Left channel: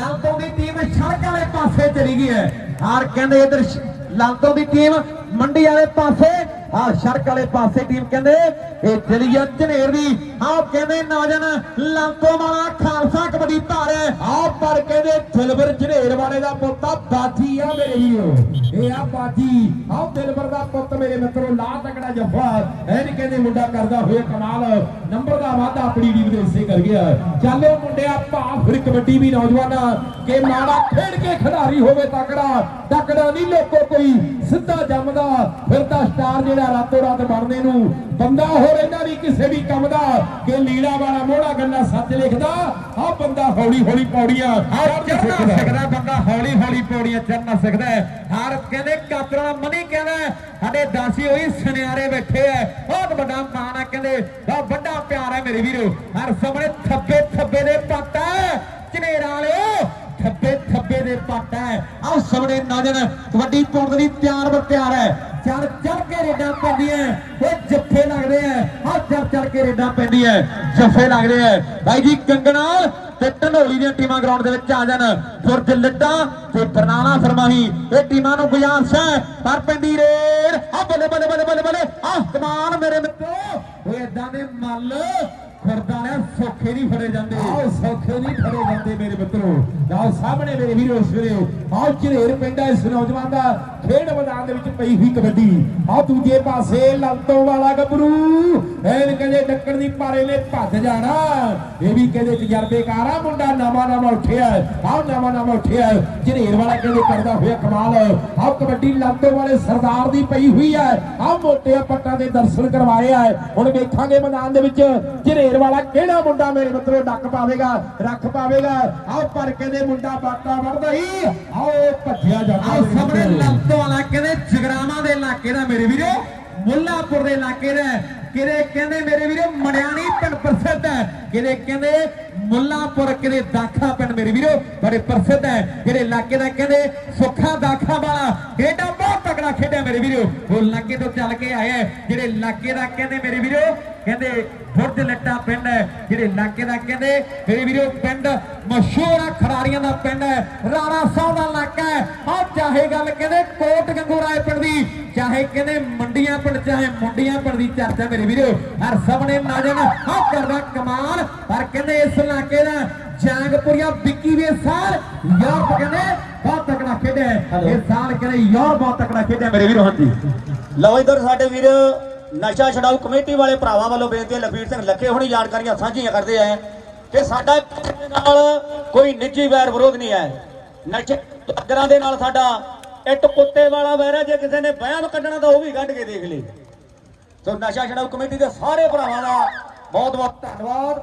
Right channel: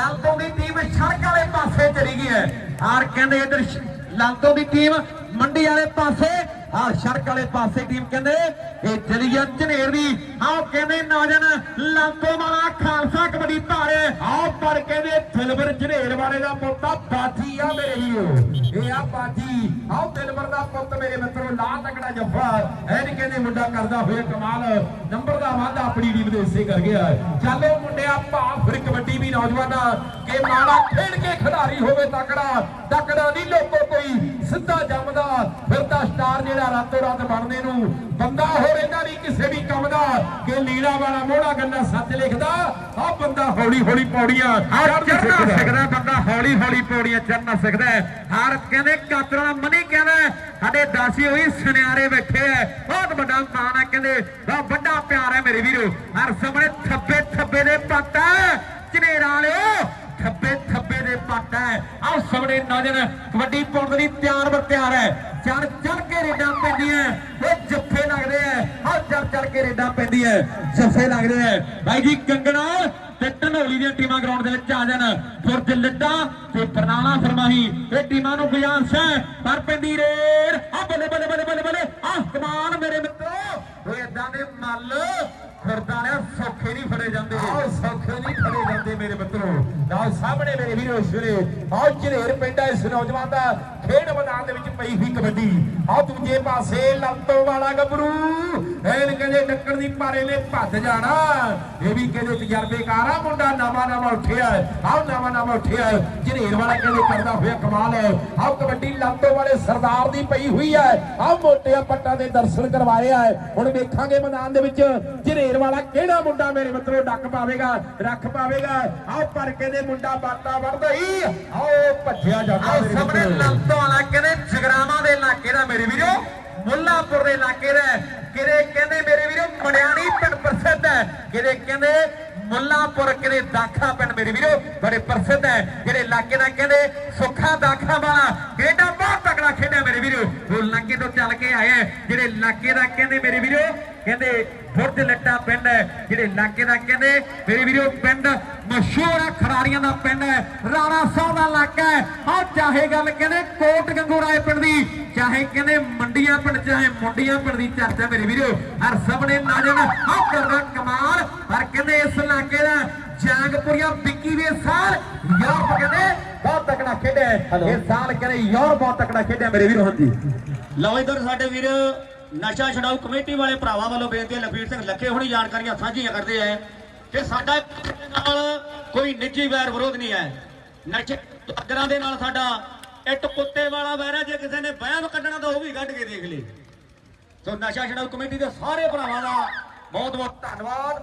ਲਾਂਤੋਂ ਦੀ team ਸੜਕ ਵਾਲੇ ਪਾਸੇ ਚਲੀ ਗਈ ਹੈ। ਔਰ ਕਹਿੰਦੇ ਇਧਰ ਲਾਂਤੋਂ ਦੀ ਟੀਮ ਮੰਡੀ ਵਾਲੇ ਪਾਸੇ ਆ ਸੜਕ ਵਾਲੇ ਪਾਸੇ ਟੀਮ ਕਹਿੰਦੇ, ਇਹ ਚਲੀ ਆ ਝਨੇਰ ਦੀ, ਆਹ ਕਹਿੰਦੇ ਨੌਜਵਾਨ ਲਾਂਤੋਂ ਦਿਲਬਰ ਝਨੇਰ ਵਾਲੇ ਦਾ ਪੁੱਤਾ ਬਾਜੀ ਆ ਮੇਰੇ ਵੀਰੋ। ਇਹ ਆ ਬਾਜੀ। ਆਹ ਦਿਲਬਰ ਦਾ ਪੁੱਤ ਮੇਰੇ ਮਿੱਤਰੋ ਲਾ ਤਕੜਾ ਜੱਫਾ। ਇਹ ਨਹੀਂ ਕਹਿੰਦੇ ਮੁੰਡਾ ਕਰਦਾ ਹੋਇਆ ਕਮਾਲ। ਨੰਬਰ ਦਾ ਵਾਧਾ ਆਪਣੀ ਟੀਮ ਦੇ ਹਿੱਸੇ ਕਰ ਗਿਆ। ਚੱਲਿਓ ਮੁੰਡਿਆ ਭਾਵ ਫਿਰ ਕਬੱਡੀ ਵੀ ਨੌਜਵਾਨਾਂ ਕਿ ਮਾੜਾ ਖੇਡ ਕੇ ਖਿਡਾਰੀ ਹੋਵੇ ਤਕੜਾ। ਤਕੜਾ ਨਹੀਂ ਲੋਕੋ ਕੋਈ, ਸਿੱਧਾ ਜੰਮਦਾ। ਫਿਰਦਾ ਸਟਾਰ ਜਿਹੜਾ ਰਾਤੋਂ ਰਾਤ ਬਣਨੇ ਨੂੰ ਬੰਦਾ ਹੋ ਰਹਿੰਦਾ ਨਹੀਂ ਕਿਸੇ ਵੀ ਕੰਮ ਦਾ ਕਿ ਲੀੜਾ ਵਾਲਾ ਮੋੜਾ ਗੰਨਾ ਸੱਚ ਲਿਖਦਾ ਆ ਬੰਦਾ ਹੌਲੀ ਹੌਲੀ ਪੌੜੀਆਂ ਚੜਨਾ ਸਿੱਖਦਾ। ਬੰਦਾ ਹੌਲੀ ਹੌਲੀ ਪੌੜੀਆਂ ਚੜਨਾ ਸਿੱਖਦਾ ਹਰ ਕਹਿੰਦੇ ਕਾਤਰਾਂ ਮਨੀ ਕਹਿੰਦਾ ਸਾਡੇ ਦਾਸੀ ਹੋਈ ਸੁਨਿਆਰੇ ਬੈਠੇ ਐ ਬਹੁਤ ਵੱਡਾ ਮਾਣ ਹੈ ਕਹਿੰਦੇ ਬਹੁਤ ਵੱਡਾ ਪਿਆਰ ਹੈ ਮੇਰੇ ਵੀਰੋ। ਹਰ ਸਾਹਮਣੇ ਥੱਬੇ ਥੱਬੇ ਦੇ ਪੱਟ ਹੈ। ਝਨੇਰਾਂ ਵਾਲਿਓ ਥੱਬੇ ਥੱਬੇ ਦੇ ਪੱਟ ਹੈ। ਆਹ ਸਾਹਮਣੇ ਨੌਜਵਾਨ ਕਬੱਡੀ ਪਾਉਣ ਦੇ ਲਈ ਤਿਆਰ ਬਰ ਤਿਆਰ ਹੈ। ਚੜ ਚੜ ਕੇ ਰੇਡਾਂ ਪੈਂਦੀਆਂ ਇਹ ਜੱਫੇ ਲੱਗਦੇ ਐ। ਆਹ ਚੜ ਚੜ ਕੇ ਰੇਡਾਂ ਪੈਂਦੀਆਂ ਜੱਫੇ ਲੱਗਦੇ ਐ। ਬਾਈ ਜੀ, ਕੰਗਣਾ ਤੇ ਢਨੋਲੀ ਦੀਆਂ ਟੀਮਾਂ ਗਰਾਊਂਡ ਦੇ ਵਿੱਚ ਆ ਜਾਣ। ਫੁਰਜ ਲੱਡਾ ਤੇ ਬਰਨਾਲਾ ਫਰਮਾਹੀ। ਇਹ ਟੀਮਾਂ ਨੂੰ ਗੁਜ਼ਾਰਿਸ਼ ਹੈ ਪਰ ਪੈਂਦੀ ਰੇਡ। ਆ ਬੱਲੇ ਬੱਲੇ ਬੱਲੇ ਬੱਲੇ ਬੱਲੇ। ਆਹ ਕਮਾਲ ਮੇਰੇ ਮਿੱਤਰੋ। ਇਹ ਇਦਾਂ ਦੇ ਮੱਲ ਫਿਰਦਾ ਨੇ ਸੌਖੇ ਨਹੀਂ ਫੜੇ ਜਾਂਦੇ। ਆਹ ਸੌਖੇ ਨਹੀਂ ਫੜੇ ਜਾਂਦੇ ਮੇਰੇ ਮਿੱਤਰੋ। ਨਾ ਸਾਹਮਣੇ ਮੇਰੇ ਵੀਰੋ ਵੇਲੇ। ਆਹ ਝਨੇਰ ਪਿੰਡ ਇਸ ਨੌਜਵਾਨ ਦਾ। ਖੇਡ ਮੈਦਾਨ ਦੇ ਵਿੱਚ ਪਈ ਹੋਈ ਕਬੱਡੀ। ਆ ਦੂਜੇ ਪਾਸੇ ਲੰਤੋਂ ਵਾਲਾ ਗੱਭਰੂ ਐਨ ਕਹਿੰਦੇ ਡੱਕਣ ਦੀ ਪਾਰੇ ਨੇ ਭੱਜ ਜਾਣਾ। ਇਹ ਵੀ ਕਹਿੰਦੇ ਤਜਰਬੇਕਾਰ ਆ, ਮੁੰਡਾ ਨਵਾਂ ਨਵਾਂ ਉੱਠਿਆ ਆਹ ਨਵਾਂ ਨਵਾਂ ਉੱਠਿਆ ਝਨੇਰ ਵਾਲਾ ਕਹਿੰਦੇ ਕਰਦਾ ਹੋਇਆ ਕਮਾਲ ਆਹ ਕਬੱਡੀ ਲੰਤੋਂ ਵਾਲੇ ਸਰਦਾਰ ਦੀ ਪਈ ਹੋਈ ਹੈ। ਆਹ ਮੋਟੇ ਪੱਟਾਂ ਦੇ ਦਰਸ਼ਨ ਕਰਵਾਏ ਆ। ਹੁਣ ਵੇਖਾਂਗੇ ਮੈਦਾਨ ਦੇ ਵਿੱਚ ਝਨੇਰ ਵਾਲਾ ਕਿਹੜਾ ਮੁੰਡਾ ਮੇਰੇ ਮਿੱਤਰੋ ਡੱਕ ਪਾਵੇਗਾ, ਰੱਖ ਪਾਵੇਗਾ। ਆਹ ਪਰ ਕਹਿੰਦੇ ਮੁੰਡਾ ਬਾਟਾ ਵੜਦਾ ਹੀ ਆਓ ਭੱਜਿਆ ਜਾਂਦਾ ਆਹ ਸਾਹਮਣੇ ਲੰਤੋਂ ਵਾਲਾ ਕਹਿੰਦੇ ਜਗਰਾਵਾਂ ਦੇ ਇਲਾਕੇ ਦਾ ਮੇਰੇ ਵੀਰੋ ਮੁੱਲਾਪੁਰ ਦੇ ਇਲਾਕੇ ਦਾ ਕਿਰੇ ਕਹਿੰਦੇ ਮੇਰੇ ਵੀਰੋ ਮਣਿਆਣੀ ਪਿੰਡ ਪ੍ਰਸਿੱਧ ਹੈ ਕਿਰੇ ਕਹਿੰਦੇ ਮੁੱਲਾਪੁਰ ਕਿਰੇ ਦਾਖਾ ਪਿੰਡ ਮੇਰੇ ਵੀਰੋ ਬੜੇ ਪ੍ਰਸਿੱਧ ਹੈ ਜਿਹੜੇ ਇਲਾਕੇ ਦਾ ਕਹਿੰਦੇ ਸੁੱਖਾ ਦਾਖਾ ਵਾਲਾ ਕਿਹੜਾ ਮੇਰੇ ਵੀਰੋ ਉਹ ਇਲਾਕੇ ਤੋਂ ਚੱਲ ਕੇ ਆਇਆ ਜਿਹੜੇ ਇਲਾਕੇ ਦਾ ਕਹਿੰਦੇ ਮੇਰੇ ਵੀਰੋ, ਕਹਿੰਦੇ ਬੁਰਜ ਲੱਟਾ ਪਿੰਡ ਹੈ, ਜਿਹੜੇ ਇਲਾਕੇ ਦਾ ਕਹਿੰਦੇ ਮੇਰੇ ਵੀਰੋ, ਪਿੰਡ ਮਸ਼ਹੂਰ ਹੈ ਖਰਾਰੀਆਂ ਦਾ ਪਿੰਡ ਹੈ, ਰਾਣਾ ਸਾਹਿਬ ਦਾ ਇਲਾਕਾ ਹੈ। ਆਹ ਚਾਹੇ ਗੱਲ ਕਹਿੰਦੇ ਕੋਟ ਗੰਗੂ ਰਾਏ ਪਿੰਡ ਦੀ, ਚਾਹੇ ਕਹਿੰਦੇ ਮੰਡੀਆਂ ਪਿੰਡ, ਚਾਹੇ ਮੁੰਡੀਆਂ ਪਿੰਡ ਦੀ ਚਰਚਾ ਮੇਰੇ ਵੀਰੋ, ਹਰ ਸਾਹਮਣੇ ਨੌਜਵਾਨ ਆਹ ਕਰਦਾ ਕਮਾਲ, ਪਰ ਕਹਿੰਦੇ ਇਸ ਇਲਾਕੇ ਦਾ ਜਾਂਗਪੁਰੀਆ ਵਿੱਕੀ ਵੀ ਇਸ ਸਾਲ ਕਹਿੰਦੇ ਖੇਡਿਆ। ਇਸ ਸਾਲ ਕਹਿੰਦੇ ਯੂਰਪ ਬਹੁਤ ਤਕੜਾ ਖੇਡਿਆ ਮੇਰੇ ਵੀਰੋ। ਹਾਂਜੀ। ਲਓ ਇਧਰ ਸਾਡੇ ਵੀਰ ਨਸ਼ਾ ਛਡਾਊ ਕਮੇਟੀ ਵਾਲੇ ਭਰਾਵਾਂ ਵੱਲੋਂ ਬੇਨਤੀ ਹੈ ਲਖਬੀਰ ਸਿੰਘ ਲੱਖੇ ਹੁਣੀ ਜਾਣਕਾਰੀਆਂ ਸਾਂਝੀਆਂ ਕਰਦੇ ਆ ਕਿ ਸਾਡਾ ਨਾਲ ਕੋਈ ਨਿੱਜੀ ਵੈਰ ਵਿਰੋਧ ਨਹੀਂ ਹੈ। ਨਸ਼ੇ ਅਗਰਾਂ ਦੇ ਨਾਲ ਸਾਡਾ ਇੱਟ ਕੁੱਤੇ ਵਾਲਾ ਵੈਰ ਹੈ ਜੇ ਕਿਸੇ ਨੇ ਬਹਿਮ ਕੱਢਣਾ ਤਾਂ ਉਹ ਵੀ ਕੱਢ ਕੇ ਦੇਖ ਲੇ। ਸੋ ਨਸ਼ਾ ਛਡਾਊ ਕਮੇਟੀ ਦੇ ਸਾਰੇ ਭਰਾਵਾਂ ਦਾ ਬਹੁਤ ਬਹੁਤ ਧੰਨਵਾਦ।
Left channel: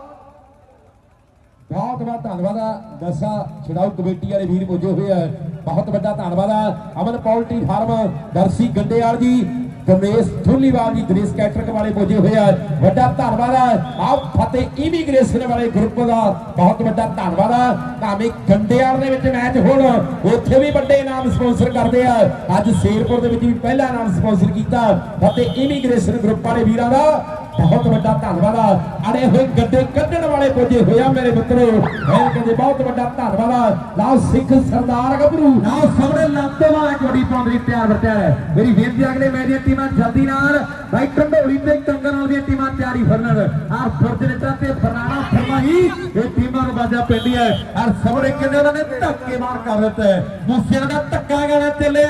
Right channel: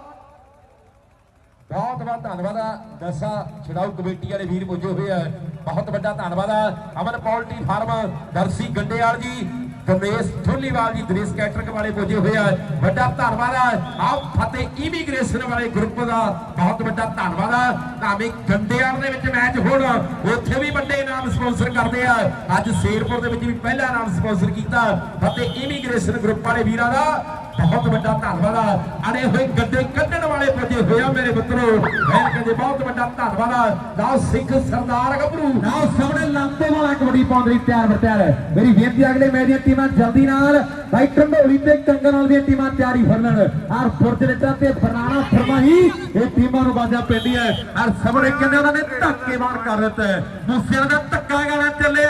ਬਹੁਤ ਬਹੁਤ ਧੰਨਵਾਦ ਨਸ਼ਾ ਛਡਾਊ ਕਮੇਟੀ ਵਾਲੇ ਵੀਰ ਪੁੱਜੇ ਹੋਏ ਆ। ਬਹੁਤ ਵੱਡਾ ਧੰਨਵਾਦ ਆ। ਅਮਨ ਪੋਲਟਰੀ ਫਾਰਮ ਦਰਸੀ ਗੰਡੇਵਾਲ ਜੀ, ਗਣੇਸ਼ ਢੁੱਲੀਵਾਲ ਜੀ ਦਿਨੇਸ਼ ਕੈਟਰਿੰਗ ਵਾਲੇ ਪੁੱਜੇ ਹੋਏ ਆ। ਵੱਡਾ ਧੰਨਵਾਦ ਆ। ਆਪ ਫਤਿਹ ਇਮੀਗ੍ਰੇਸ਼ਨ ਵਾਲੇ ਗਰੁੱਪ ਦਾ ਬਹੁਤ ਵੱਡਾ ਧੰਨਵਾਦ ਆ। ਭਾਵੇਂ ਗੰਡੇਵਾਲ ਦੇ ਵਿੱਚ ਮੈਚ ਹੋਣ, ਉੱਥੇ ਵੀ ਵੱਡੇ ਨਾਮ ਸਪਾਂਸਰ ਕਰਦੇ ਆ। ਅੱਜ ਸ਼ੇਰਪੁਰ ਦੇ ਵਿੱਚ ਵੀ ਪਹਿਲਾ ਨਾਮ ਸਪਾਂਸਰ ਕੀਤਾ ਫਤਿਹ ਇਮੀਗ੍ਰੇਸ਼ਨ ਗਰੁੱਪ ਵਾਲੇ ਵੀਰਾਂ ਦਾ। ਬਹੁਤ ਵੱਡਾ ਧੰਨਵਾਦ ਆ। ਅੜੇ ਹੋਏ ਗੱਡੇ ਵਾਲੇ ਪੁੱਜੇ ਹੋਇਆ ਮੇਰੇ ਮਿੱਤਰੋ। ਮੈਂ ਕਹਿੰਦੇ ਬਹੁਤ ਵੱਡਾ ਧੰਨਵਾਦ ਆ। ਲਓ ਸਿੱਖ ਸਰਦਾਰ ਗੱਭਰੂ। ਲਓ ਸਾਹਮਣੇ ਲਾਂਤੇ ਵਾਲਾ ਕਬੱਡੀ ਪਾਉਣ ਲਈ ਤਿਆਰ ਬਰਤਿਆਰ ਮੇਰੀ ਬੇਨਤੀ ਅਗਲੇ ਮੈਚ ਦੀਆਂ ਟੀਮਾਂ ਜਲਦੀ ਨਾਲ ਬਾਈ ਢੰਡੋਲੀ ਤੇ ਕੰਗਨ ਵਾਲ ਦੀਆਂ ਟੀਮਾਂ ਤਿਆਰੀ ਫੜਨ ਆਰ ਫੁਰਜਨੇਟਾ ਤੇ ਫਰਾਣਾ ਫਰਮਾਹੀ ਇਹ ਟੀਮਾਂ ਨੂੰ ਬਾਜਾ ਪੈਂਦੀ ਹੈ। ਆਰ ਸਾਹਮਣੇ ਕਹਿੰਦੇ ਉਹਨਾਂ ਨੇ ਧੱਕੇ ਮਾਰ ਕਰ ਦਿੱਤਾ ਹੈ। ਮੂਸੇ ਦਾ ਧੱਕਾ ਗਾਣਾ ਚੱਲਿਆ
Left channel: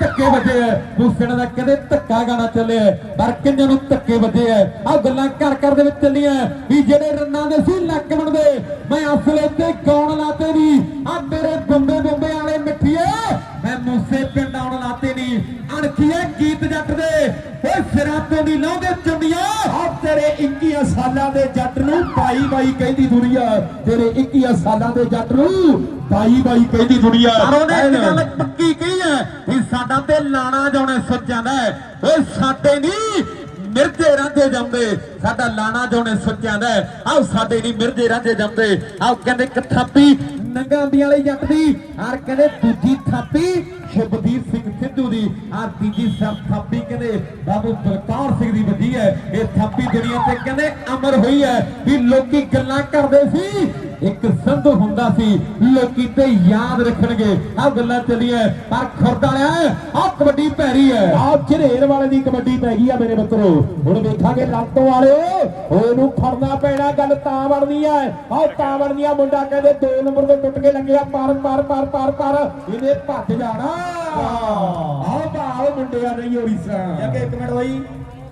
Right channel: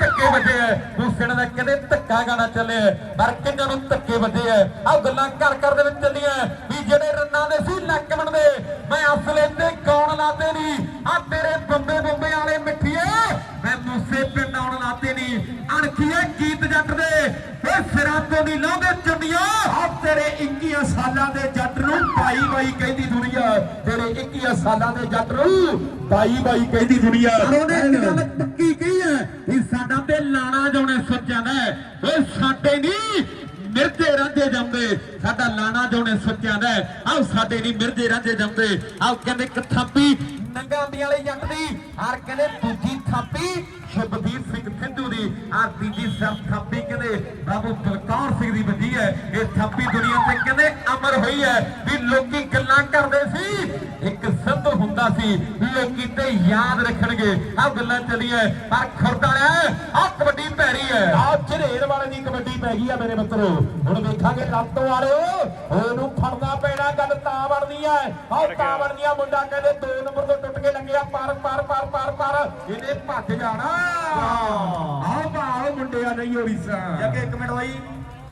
ਧੱਕੇ ਵੱਜੇ ਮੂਸੇ ਦਾ ਕਹਿੰਦੇ ਧੱਕਾ ਗਾਣਾ ਚੱਲਿਆ ਪਰ ਕਿੰਨੇ ਨੂੰ ਧੱਕੇ ਵੱਜੇ ਆ ਆ ਗੱਲਾਂ ਘਰ ਘਰ ਦੇ ਵਿੱਚ ਚੱਲੀਆਂ ਵੀ ਜਿਹੜੇ ਰੰਨਾਂ ਦੇ ਸੀ ਲੱਕ ਬਣਦੇ। ਮੈਂ ਅਸਲੇ ਤੇ ਕੌਣ ਲਾਤੇ ਨਹੀਂ ਆ ਤੇਰੇ ਬੰਬੇ ਬੰਬੇ ਵਾਲੇ ਮਿੱਠੀਏ। ਮੈਂ ਮੂਸੇ ਪਿੰਡ ਆਉਣ ਲਾਤੇ ਨਹੀਂ ਅਣਖੀਏ ਗੀਤ ਜੱਟ ਦੇ। ਓਏ ਸਿਰਾਂ ਤੋਂ ਦੀ ਲਾਉਂਦੇ ਚੰਡੀਆਂ ਆ ਤੇਰੇ 21 ਸਾਲਾਂ ਦੇ ਜੱਟ ਨੂੰ ਬਾਈ ਬਾਈ ਕਹਿੰਦੀ ਦੁਨੀਆ। ਤੇਰੇ 21 ਸਾਲਾਂ ਦੇ ਜੱਟ ਨੂੰ ਬਾਈ ਬਾਈ ਕਹਿੰਦੀ ਦੁਨੀਆ। ਪਰ ਉਹਨੇ ਇੱਕ ਗੱਲ ਪੱਕੀ ਹੈ ਵੀ ਸਾਡਾ ਤੇ ਲਾਣਾ ਜਾਉਣੇ ਸੱਚਾਂ ਦਾ ਓਏ ਸਾਡੇ ਨਹੀਂ, ਮਿਰਜੇ ਰਾਂਝੇ ਜੰਮਦੇ। ਸਾਡਾ ਲਾਣਾ ਜੋਣੇ ਸੱਚਿਆਂ ਦਾ ਆਹ ਸਾਡੇ ਨਹੀਂ, ਮਿਰਜੇ ਰਾਂਝੇ ਜੰਮਦੇ। ਆਹ ਕਹਿੰਦੇ ਇੱਕ ਥਾਪੀ ਨੰਗਾਂਦੀਆਂ ਵਾਲੀ ਜੱਟ ਦੀ, ਆਰ ਕਹਿੰਦੇ ਦੂਜੀ ਥਾਪੀ ਸ਼ੁਭਦੀਪ ਸਿੰਘ ਸਿੱਧੂ ਦੀ ਆਹ ਤੀਜੀ ਸਰ ਥਾਪੀ ਕਹਿੰਦੇ ਬਾਬੂ ਬਲਕੌਰ ਸਿੰਘ ਦੀ ਵੱਜੀ ਹੈ। ਇਹ ਥਾਪੀ ਦੁਨੀਆ ਤੇ ਕਹਿੰਦੇ ਅਮਰ ਹੋਈ ਹੈ ਵੀ ਲੋਕੀ ਗੱਲਾਂ ਕਰਦੇ ਸੀ। ਇੱਕ ਸੰਧੂ ਹੁੰਦਾ ਸੀ। ਲੋਕੀ ਤੇ ਯਾਦ ਰੱਖਣਗੇ। ਆ ਗੱਲਾਂ ਚੱਲੀਆਂ। ਪਰ ਖੁਰਦ ਵਾਲਿਆ ਆ ਕਬੱਡੀ ਭੈੜੀ ਹੈ ਆ ਝਰੇਰ ਵਾਲੇ ਦੀ ਕਬੱਡੀ ਪੈ ਗਈ ਆ ਮੇਰੇ ਮਿੱਤਰੋ। ਹੁਣ ਵੇਖਾਂਗੇ ਲਾਤੋਂ ਵਾਲਿਓ ਉਹਨੂੰ ਫੜਨਾ ਪੈਣਾ ਗੱਲ ਤਾਂ ਬਣਦੀ ਆ ਆਹ ਤਾਂ ਬਣਦੀ ਆ ਮੁੰਡਾ ਕਹਿੰਦੇ 2 ਨੰਬਰ ਤੋਂ ਟੁੱਟ ਕੇ ਲੱਗਿਆ ਪਰ ਪਰ ਪਰ ਪਰ ਪਰ। ਇਹਨੇ ਭੱਜ ਜਾਣਾ। ਆਹ ਭਾਓ ਮੁੰਡਿਆ ਨਹੀਂ ਹੋਈਸਾ ਕਿ ਇੱਕ ਮਿੰਟ ਹੋਈ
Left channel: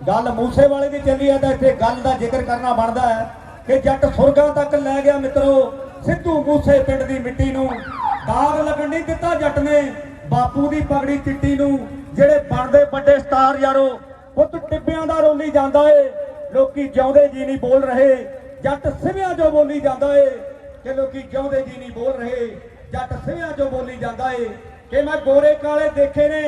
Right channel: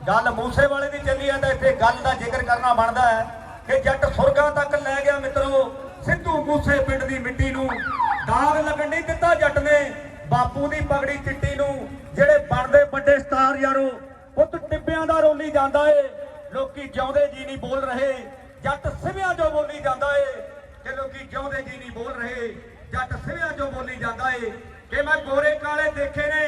ਗੱਲ ਮੂਸੇ ਵਾਲੇ ਦੀ ਚੱਲੀ ਹੈ ਤਾਂ ਇੱਥੇ ਗੱਲ ਦਾ ਜ਼ਿਕਰ ਕਰਨਾ ਬਣਦਾ ਹੈ ਕਿ ਜੱਟ ਸੁਰਗਾਂ ਤੱਕ ਲੈ ਗਿਆ ਮਿੱਤਰੋ। ਸਿੱਧੂ ਮੂਸੇ ਪਿੰਡ ਦੀ ਮਿੱਟੀ ਨੂੰ ਦਾਗ ਲੱਗਣ ਨਹੀਂ ਦਿੱਤਾ ਜੱਟ ਨੇ। ਬਾਪੂ ਦੀ ਪਗੜੀ ਚਿੱਟੀ ਨੂੰ, ਜਿਹੜੇ ਬਣਦੇ ਵੱਡੇ ਸਟਾਰ ਯਾਰੋ, ਪੁੱਤ ਟਿੱਬਿਆਂ ਦਾ ਰੋਲੀ ਜਾਂਦਾ ਏ। ਲੋਕੀ ਜਿਉਂਦੇ ਜੀ ਨਹੀਂ ਬੋਲ ਰਹੇ, ਜੱਟ ਸਿਵਿਆਂ ਜੋ ਬੋਲੀ ਜਾਂਦਾ ਏ। ਕਿ ਲੋਕੀ ਜਿਉਂਦੇ ਜੀ ਨਹੀਂ ਬੋਲ ਰਹੇ, ਜੱਟ ਸਿਵਿਆਂ ਜੋ ਬੋਲੀ ਜਾਂਦਾ ਏ। ਕਿ ਮੈਂ ਗੋਰੇ ਕਾਲੇ ਦੇਖੇ ਨੇ,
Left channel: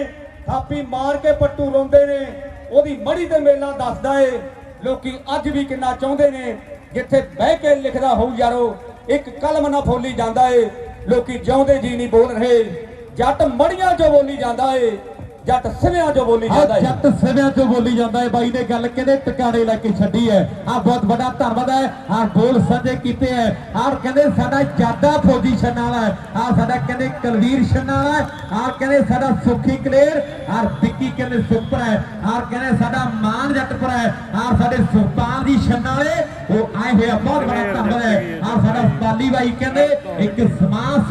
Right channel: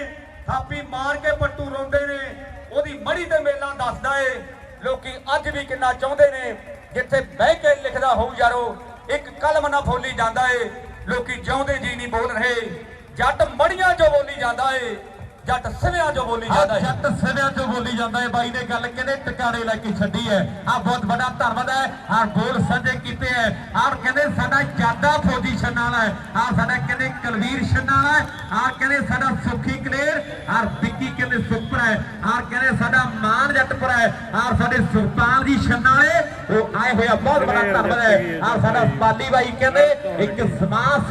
ਥਾਪੀ ਮਾਰ ਕੇ ਪੱਟੂ ਰੋਂਦੇ ਨੇ, ਉਹਦੀ ਮੜੀ ਤੇ ਮੇਲਾ ਦੱਸਦਾ ਏ। ਲੋਕੀ ਅੱਜ ਵੀ ਕਿੰਨਾ ਚਾਹੁੰਦੇ ਨੇ, ਜਿੱਥੇ ਬਹਿ ਕੇ ਲਿਖਦਾ ਹੋਊ ਯਾਰੋ ਇੱਕ ਕਲਮ ਨਾ ਫੋਲੀ ਜਾਂਦਾ ਏ। ਲੋਕੀ ਜਿਉਂਦੇ ਜੀ ਨਹੀਂ ਬੋਲ ਰਹੇ। ਜੱਟ ਮੜੀਆਂ ਜੋ ਬੋਲੀ ਜਾਂਦਾ ਏ। ਜੱਟ ਸਿਵਿਆਂ ਜੋ ਬੋਲੀ ਜਾਂਦਾ ਏ ਜੱਟ ਸਿਵਿਆਂ ਚੋਂ ਬੋਲੀ ਜਾਂਦਾ ਹੈ। ਬਾਈ ਨੇ ਗੱਲ ਕਹਿੰਦੇ ਟਿਕਾਣੇ ਲੈ ਕੇ ਛੱਡੀ ਹੈ। ਆ ਬਹੁਤ ਵੱਡਾ ਧੰਨਵਾਦ ਹੈ। ਆ ਬੋਲ ਸਾਂਝੇ ਕੀਤੇ ਹੈ। ਆ ਕਹਿੰਦੇ ਸਾਡਾ ਜਾਦਾ ਫੌਜੀ ਛੰਨਾ ਵਾਲਾ ਹੈ। ਆ ਸਾਡਾ ਕਹਿੰਦੇ ਕੁਲਵੀਰ ਛੰਨਾ ਵਾਲਾ ਹੈ। ਆ ਕਹਿੰਦੇ ਸਾਡਾ ਸੁਖੀ ਕਲੇਰ। ਆ ਵਿੱਕੀ ਕਹਿੰਦੇ ਸੁਪਰ ਹੈ। ਆ ਕਹਿੰਦੇ ਸਾਡਾ ਮਾਨ ਜੱਟਪੁਰ ਹੈ। ਆ ਸਾਡੇ ਸੁਲਤਾਨ ਜੀ ਛੰਨਾ ਵਾਲੇ ਉਹ ਆਏ ਹੋਇਆ ਬਹੁਤ ਵੱਡਾ ਧੰਨਵਾਦ ਹੈ। ਆ ਸਾਡਾ ਪਾਲੀ ਬਾਈ ਕਹਿੰਦੇ ਇੱਕ ਸਮਾਜ